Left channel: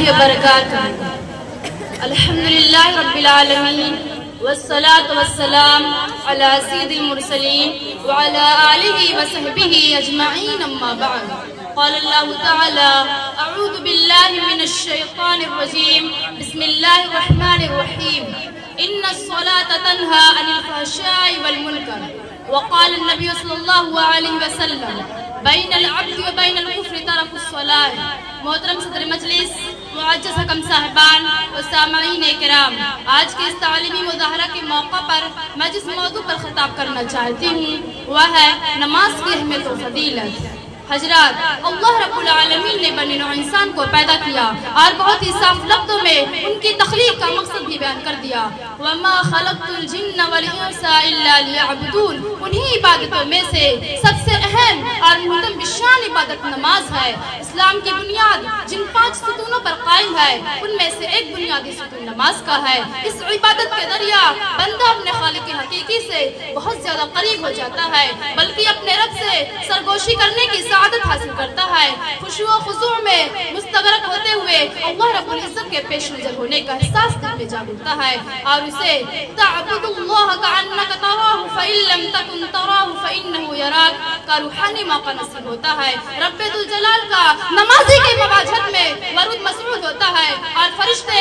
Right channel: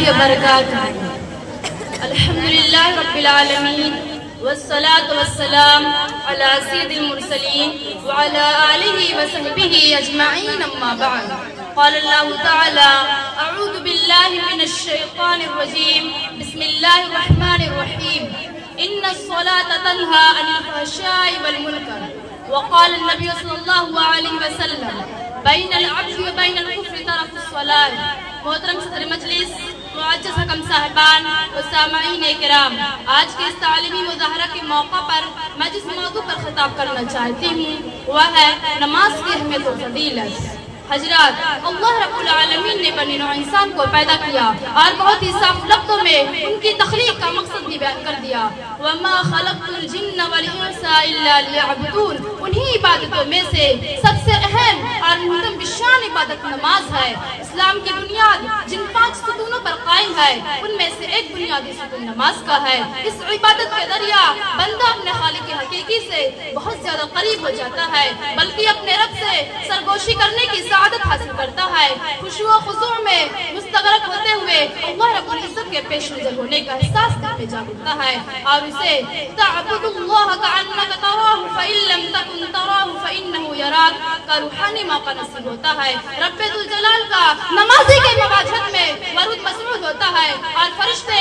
الله وبركاته. الحمد لله رب العالمين والصلاة والسلام على سيد المرسلين وعلى آله وصحبه أجمعين أما بعد. قال الله تعالى: أعوذ بالله من الشيطان الرجيم. بسم الله الرحمن الرحيم. إن الصلاة تنهى عن الفحشاء والمنكر. وقال النبي صلى الله عليه وسلم: بين العبد وبين الكفر ترك الصلاة. محترم صدر مجلس، معزز حکم صاحبان و سامعین کرام، آج کے اس تعلیمی مظاہرہ کے موقع پر میں جس موضوع پر خطاب کرنا چاہتی ہوں وہ ہے نماز کی اہمیت و فضیلت. حضرات، اللہ رب العالمین نے بنی نوع انسان کو پیدا کیا اور بہت ہی صاف لفظوں میں ان کی تخلیق کا مقصد بھی بیان کر دیا. وَمَا خَلَقْتُ الْجِنَّ وَالْإِنسَ إِلَّا لِيَعْبُدُونَ. انہی عبادتوں میں سے سب سے اہم اور محترم بشان عبادت نماز ہے. اسلام کی بنیاد جن 5 ستونوں پر قائم ہے ان میں سے ایک بنیادی ستون نماز کا ہے. اس عبادت کے ذریعہ بندہ اپنے خالق حقیقی سے بہت زیادہ قریب ہو جاتا ہے، بلکہ اپنے رب سے سرگوشی کرنے کی سعادت حاصل کرتا ہے. خشوع و خضوع میں مستغرق ہوتے ہوئے اللہ رب العزت کے پیش نظر ہونے کا احساس دل میں جا اٹھتا ہے اور اسے تعبد اللہ کأنک تراہ فإن لم تکن تراہ فإنہ یراک کا روحانی موقع نصیب ہوتا ہے. رب ذوالجلال کا نمازی کے مواجہت میں ورود مسعود ہوتا ہے اور فرشتے